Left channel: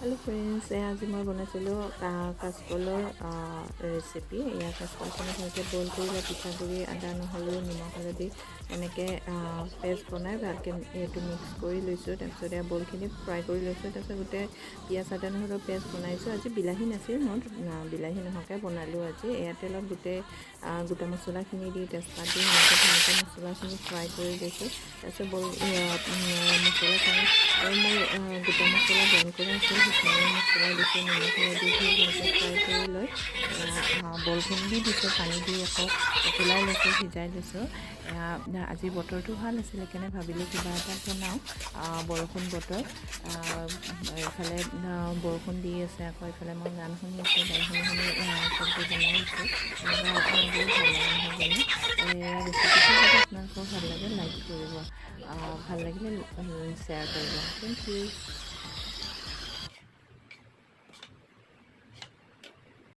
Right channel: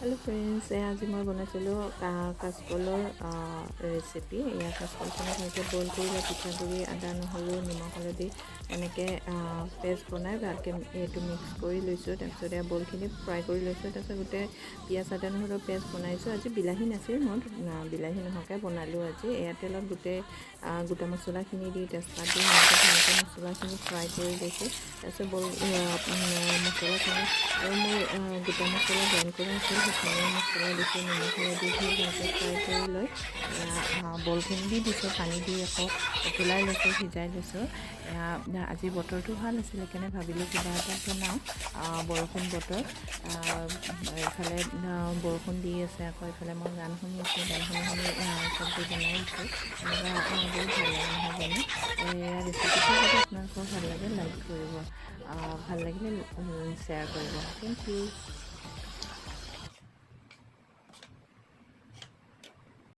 Hello friends आज मैं बनाइছিলোঁ কাচকলৰ recipe. এয়া কাচকলখিনি ভালকৈ বইল কৰি লৈ পিঠাগুড়ি আদা নহৰু নিমখ হালধি এনেকৈ পেষ্ট বনাই ভালকৈ এইটো মিক্স কৰি লৈছোঁ। তাৰপিছত এয়া বইলখিনি ফ্ৰাই কৰি লৈছোঁ। তাৰপিছত গোটেই পিঁয়াজ আদা নহৰুৰ পেষ্ট বনাইছোঁ। আজি বিলাহী নাছিল, মই বিলাহী নোহোৱাকৈ বনালোঁ। আজি এয়া তেলত গোটেই গোটা মছলাখিনি দি তেজপাত দি সেনেকৈ ভালকৈ মছলাখিনি ফ্ৰাই কৰি লৈছোঁ। তাৰপিছত মছলাখিনি আৰু মোৰ গোটা মছলা গ্ৰাইণ্ড কৰা আছিল, সেইখিনি মছলা দিছোঁ, নিমখ হালধি দি ভালকৈ ফ্ৰাই কৰি লৈ বলখিনি দি দিছোঁ, পানী দি আকৌ উতলাই লৈছোঁ, সিজাই লৈছোঁ। আজি বতৰটো ভাল আছিল, সেইকাৰণে ভাবিলোঁ কিবা এটা বনাওঁ। বৰষুণ বতৰ, এইফালে বৰষুণ দি আছে, আকৌ এইফালে মই গান শুনি আছোঁ, গান শুনি শুনি চব্জি বনাই আছোঁ। এনেকুৱা বহুত ভাল লাগে নহয় জানো। এয়া ৰেচিপিটো যদি আপোনালোকৰ ভাল লাগে লাইক কৰিব, ভাল লাগিলে শ্বেয়াৰ কৰিব। Thank U.